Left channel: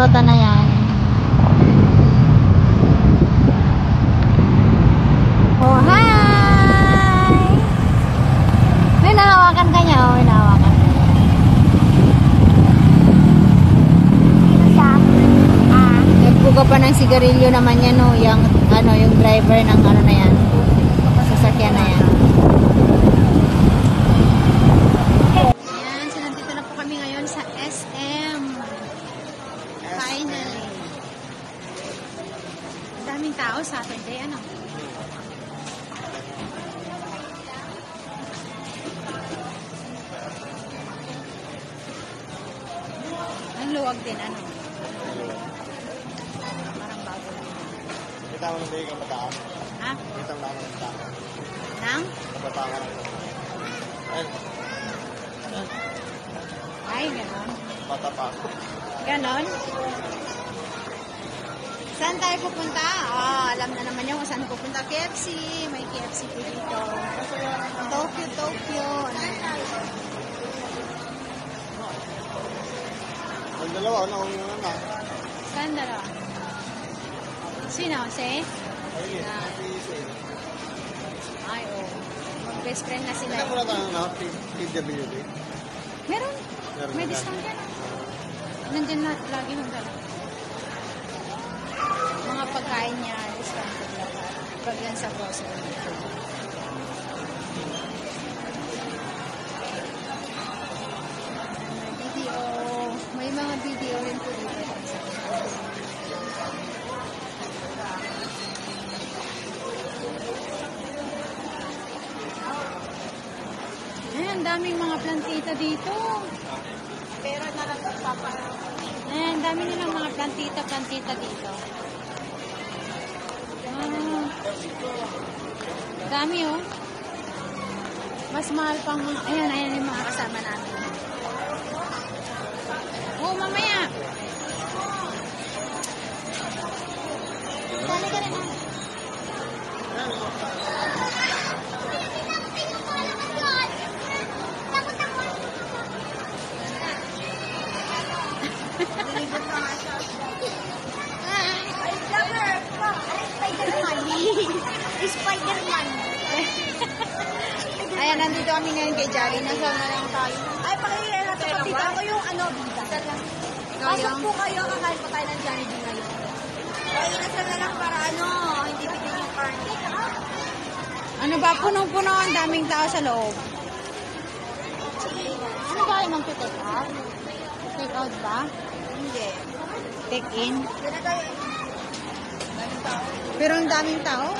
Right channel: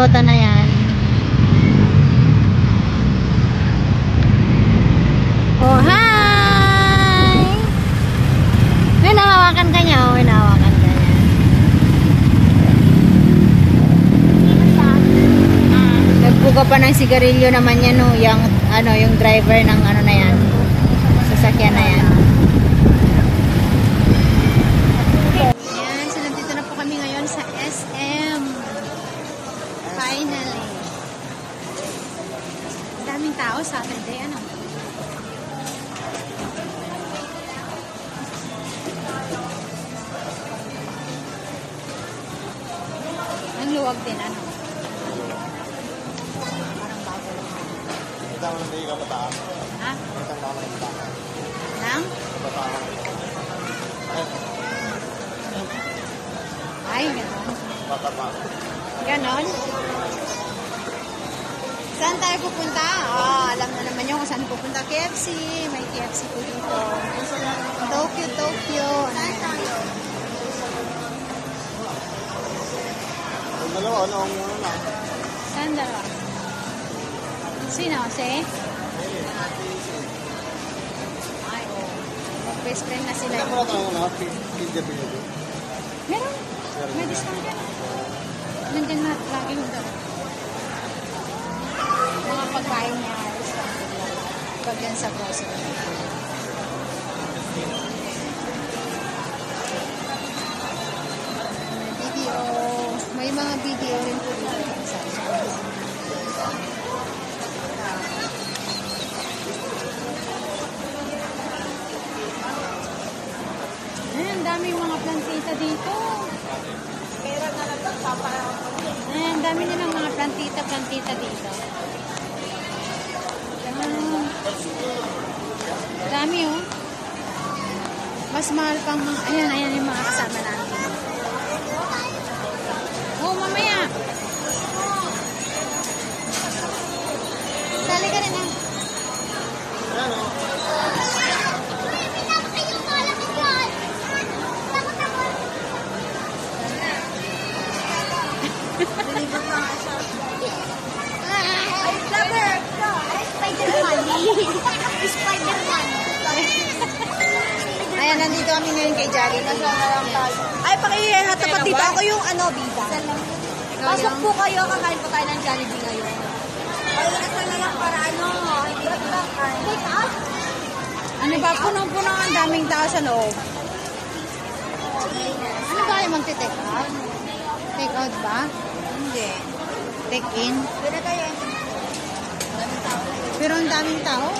Toyota na yan. Oh, hi! May nahawakan ka niya, oh. May nahawakan ka niya. Nagbuka pa ng sigarilyo naman yan, oh. Yung, yung driver ng na yan. Sasakyan na yan. Ayan, so nandito na po kami ngayon sa SM. Finally. Daming tao sa atin. Ayan, oh. Ang luwag din, ano? Ha? Nang? Ay, ganon. Ganon? Saan tayo pupunta? Alam na naman yung kung saan pupunta. KFC. May KFC po dito. Tokyo. Saan tayo? Saan dalawa? Sino? Si? Ay, oh. Best friend na sila. Meron? May discount ka. Nandyan na lagi yung dala. Mga pagkain niya. Pag yan sa post. Video. May mga video rin po dito. Ang daming mga plantita dito. Pero nalagpapa. Ang dami nilang mga plantita dito. Dami, oh. Mas mahal pang mga, ayan yung mga kasama namin. Oh, mamaya. Sali ka rin, ah. Ayan, nandito kami ngayon kay Jolly. Ay, pakihatapat dito. Ako yung bida. Pasok po kayo, kakain po tayo ng Jollibee ngayon. Ay, ito na lang para hindi ba Ano ba? Punong-puno ang daming tao sa loob. Ano ba yung magte-take out? Take out ba? Hindi. Take in? Tao. Pero ang daming tao.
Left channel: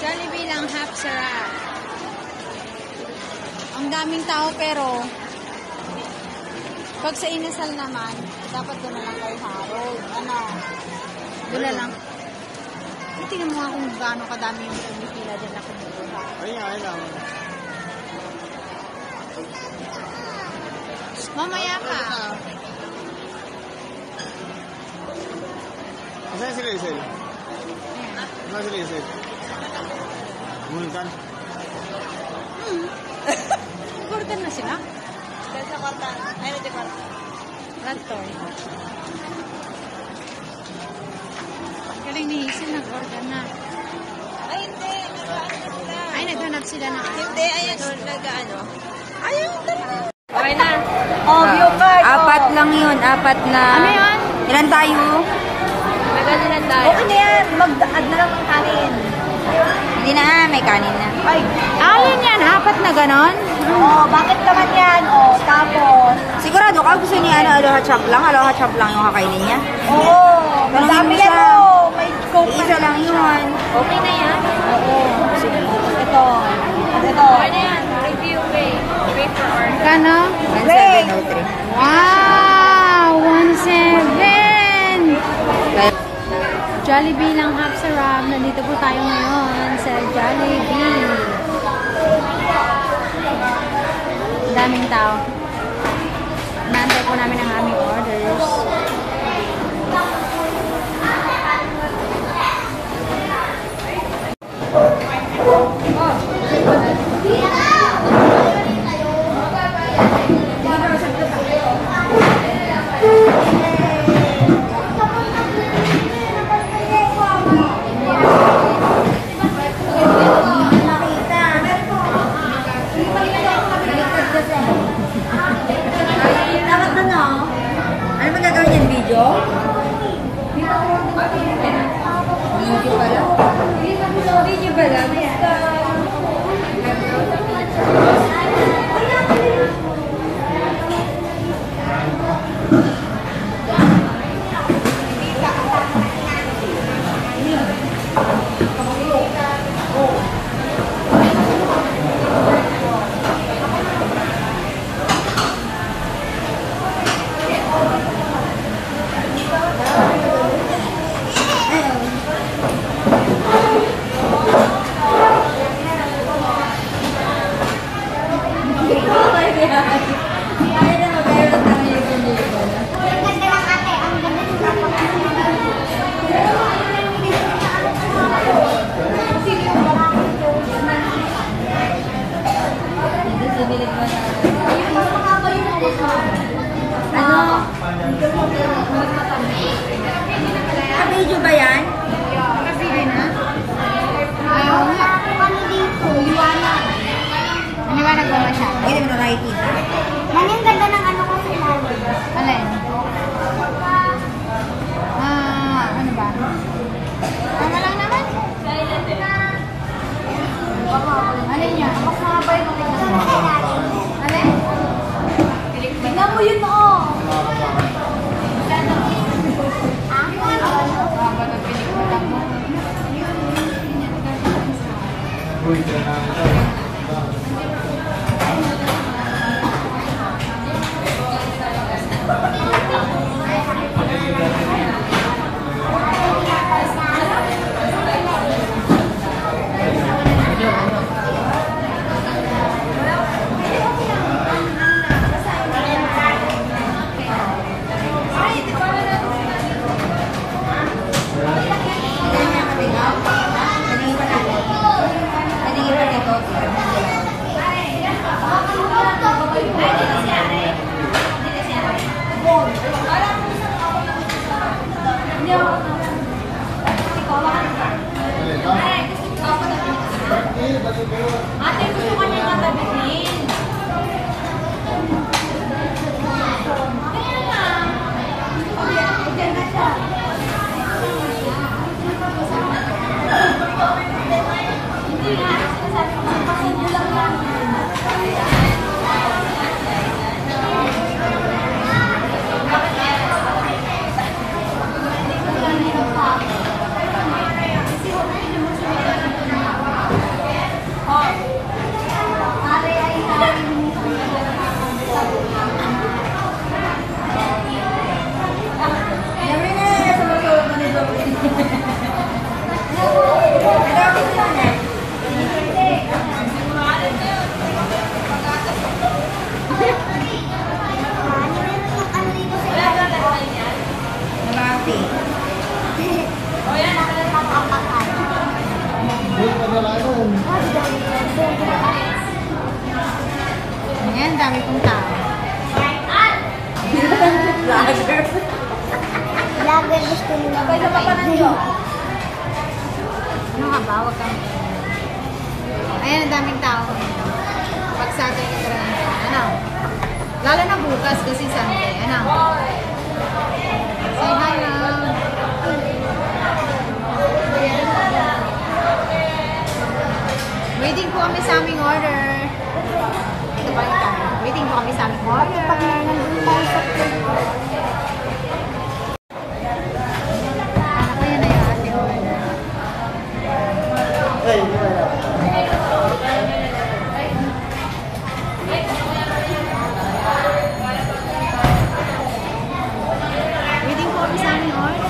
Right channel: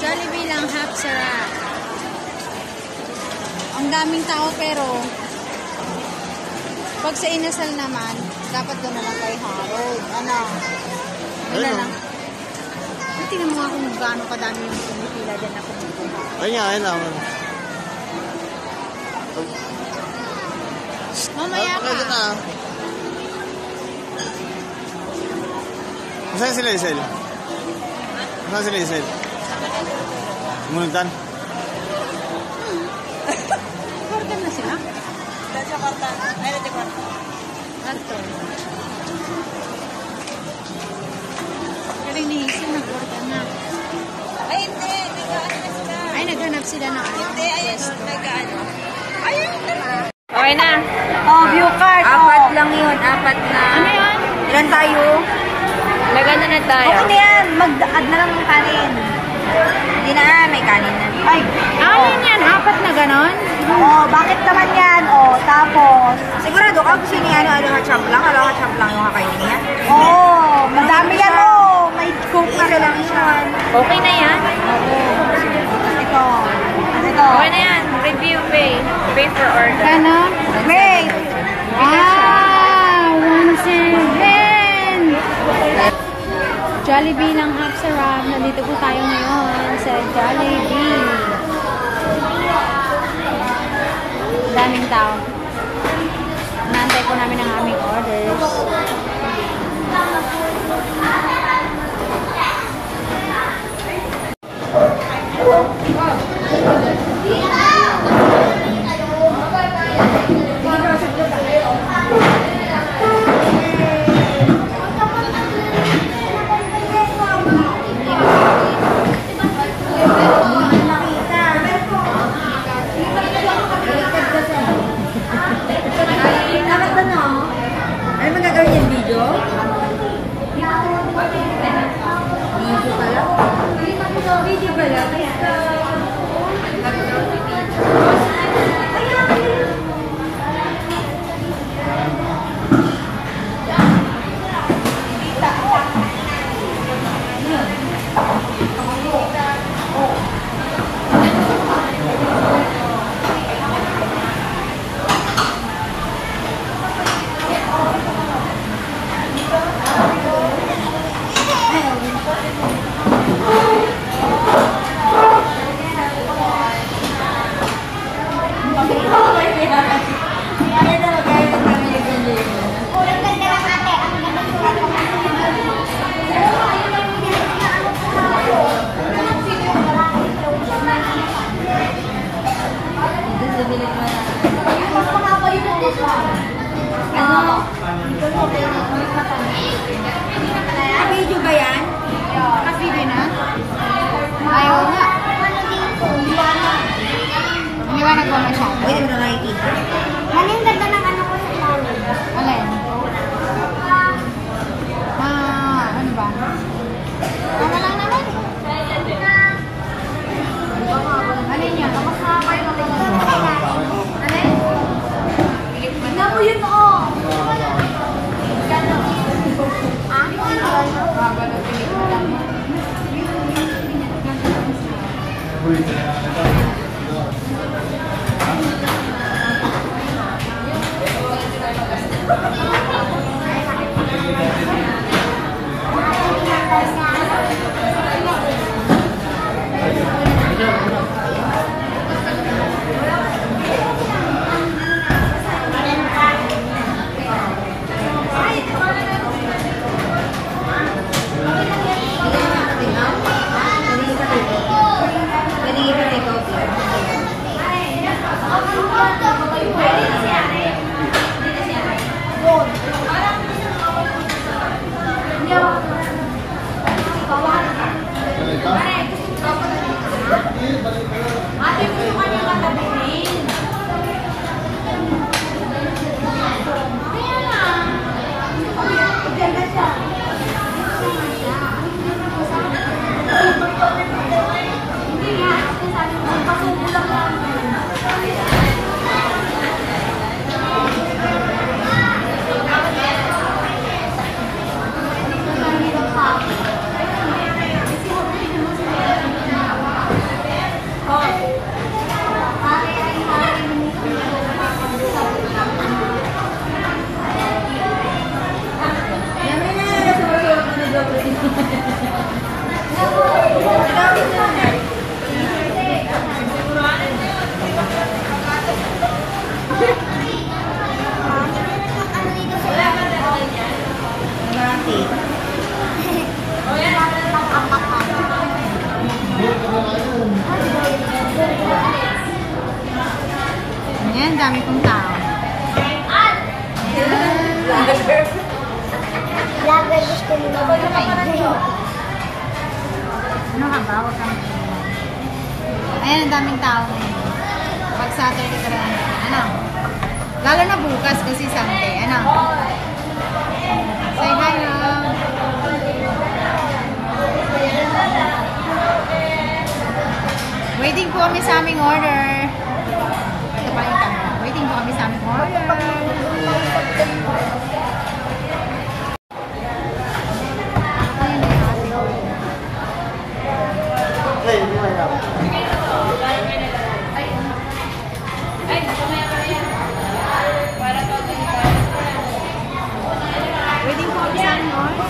Jollibee lang, half sarap. Ang daming tao pero pag sa inasal naman, dapat doon naman kayo Harold. Ano na lang. Tingnan mo nga kung gaano kadami yung pumipila dyan na pumipila. Ayun lang. Mamaya ka. Saan sila, Isel? Saan sila, Isel? Mununtan? Kortan na sila? Sa kortan. Ay, hindi kortan. Kortan. Galing ni Hazel, nag-kortan na. Ay, hindi. Nag-ano na sila. Ay, naghanap sila ng ano. Hindi, ayun. Nag-ano. Ayun, talaga. Okay na. Oh, view card. Apat lang yun. Apat na. Ano yun? Ilan tayo? Maganda na tayo. Okay na yan. Mag-add na lang ng kanin. Hindi na. May kanin na. Ay. Ayun yan, apat na ganon? Bakit naman yan? Tapos. Sigurado ka gusto niya aloha chop lang. Aloha chop lang yung kakainin niya. Madami yan May coke na Isa lang yun. Okay na yan. Ito. Okay na yan. Review pay. Pay for order. Kano? Wait. Wow! 1.7! Jollibee lang half sarap. Nandito po tayo ngayon sa Jollibee. Daming tao. Naantay po namin ang aming orders. Video ba lang? Video ba yan? Kasi na. Ayaw nga. Paano dito? Liwanag. Maniwanag ba masyado? Hindi naman nakikita. Ang ganda ng ano ko sa flower. Alin? Ano ba? Tama lang naman. Alin yan? Mas mahaba yung Alin? tignan mo yun mo. Haba ng pelikula mo. Ate, gusto ka niya katabihin. Kaya na. Diyan na siya. Hindi nga. Sabi ko, pasubo lang lang. Ayan, dami kong tao. Lager gusto mo naman. Ano ka ba? Huwag kang... Ayan, ang daming tao ngayon. Pag Saturday ka lang. Ano? Lalo na bukas kasi Sunday. Ano? Say hi lang. Waiting po kami sa aming order. Ito pa yung tayo. Waiting po kami sa aming order. Hey, hindi ba yan? Waiting po kami sa aming order.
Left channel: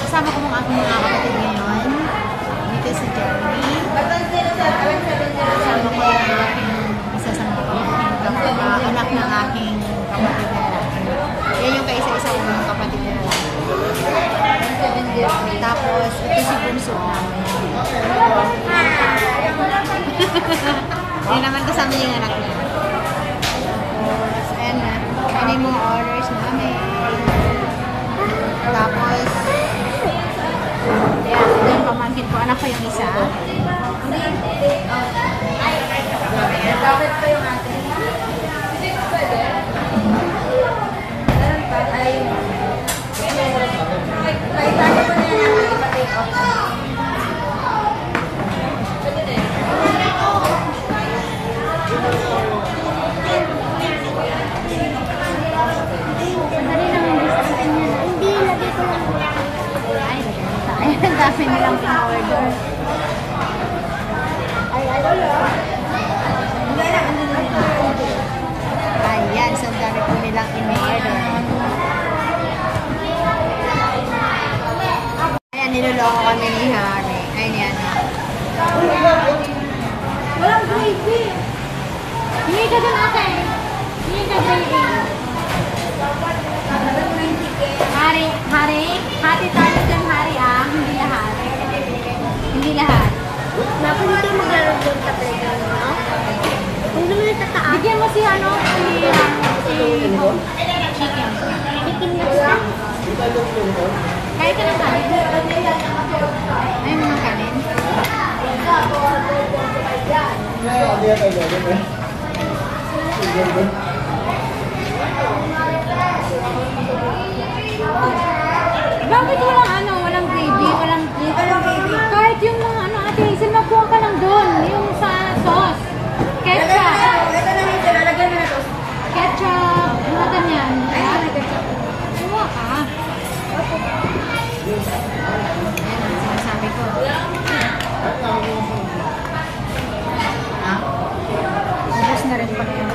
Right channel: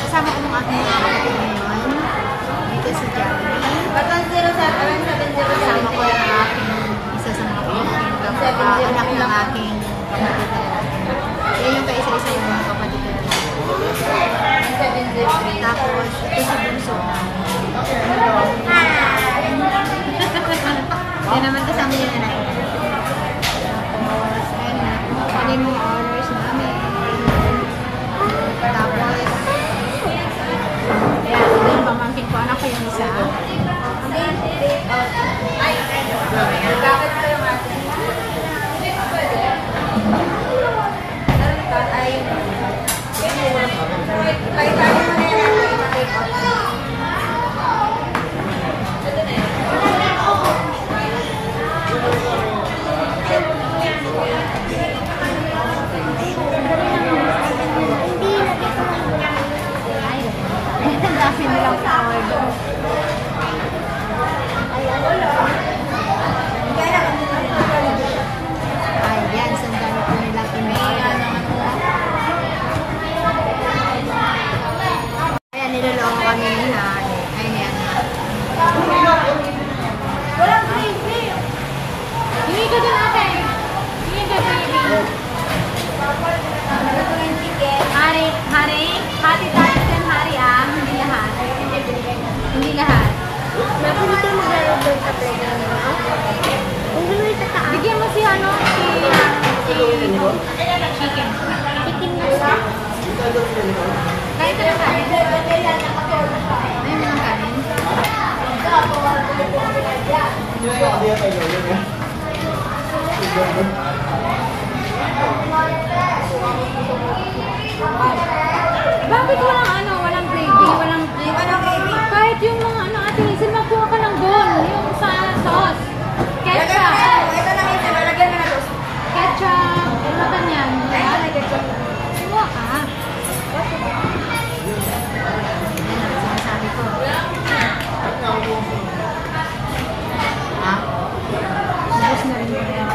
Kasama ko mga aking mga kapatid ngayon. Dito si Jeremy. Kasama ko yung aking isa sa mga anak ng aking kapatid. Yan yung kaisa-isa yung mga kapatid. Tapos, ito si Bunso namin. Yan naman kasama yung anak niya. Tapos, ayan na. Ano yung mga orders namin. Tapos, yan. Ito yung romantic ko. Anak ko yung isa. Bakit pa yung ate? Ay, dami nilang order. Ayan, so ang dami po nilang in-order. Ayan, niloloko kami ni Harry. Ayan yan. Walang gravy. Hindi ka dun ate. Hindi ka gravy. Hari, hati tayo dyan, Hari ah. Hindi lahat. Hindi lahat. Napunti mo na rin yung kapila. Bigyan mo si ano, si chicken. Chicken na siya. Kahit ka ng kanin. Ayaw mo ng kanin? Bakit walang ano, walang gravy, walang gravy? Kahit yung mga ano, ate Hazel, magkuha ka lang doon. Yung sa sauce. Ketchup. Ketchup. Bulatan yan. Ayan, may ketchup. Kumuha ka. Ayan, ang sinasabi ko. Ubus na rin yung yan.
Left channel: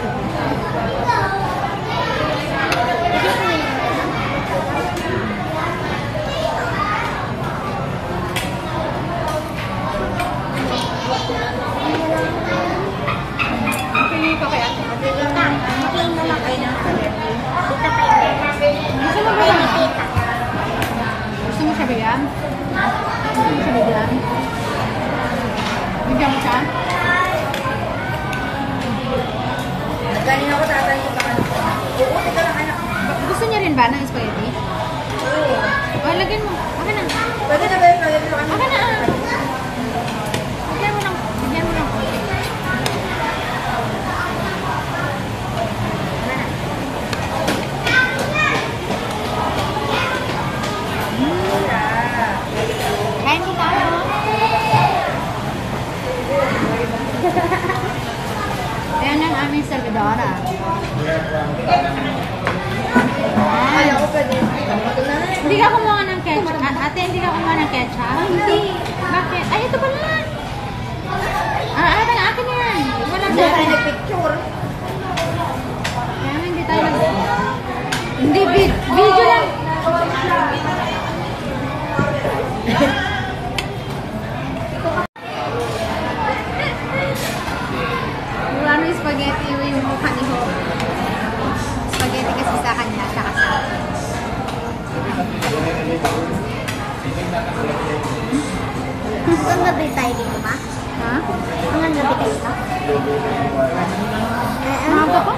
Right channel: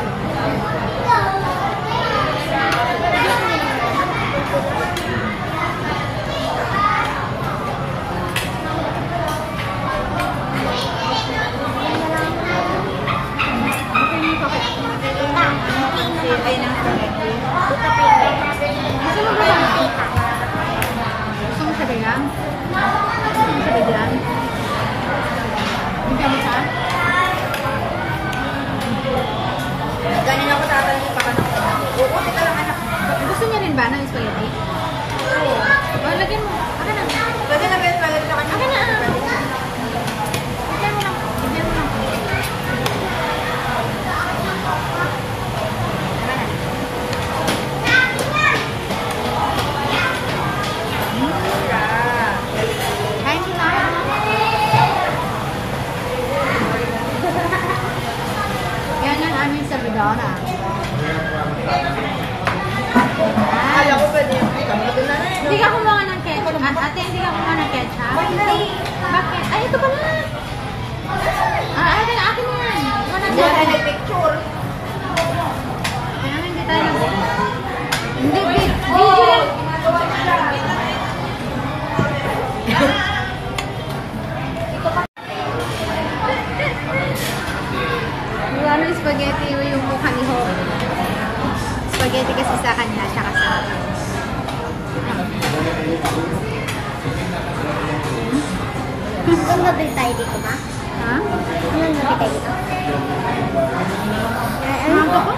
Gusto mo ba ba? Gusto mo siya bigyan? Gusto mo siya bigyan? Bigyan mo siya? Galing ako sa atin yung pangalan. Gusto niya rin ba ng spaghetti? Oo. Lagyan mo. Akin na. Pwede na ba yung pagkakas sa kanila? Akin na. Bigyan mo lang. Bigyan mo lang. Kain ko tayo. Ayan ang aming servidora. Kaya ko pwede. Hindi ka kumuha ng ketchup. Ate, hindi ka kumuha ng ketchup? Hindi. Bakit? Ay, ito pala. Akin na yan. Wala Hindi tayo nag-picture. Kaya hindi tayo. Hindi, video lang. Wala nung spaghetti yung mukha ni Ho. Spaghetti kasi sa kanya, tsaka sa akin. Saan nabili tayo dito ba? Ha? Saan nabili tayo dito? Maaga pa?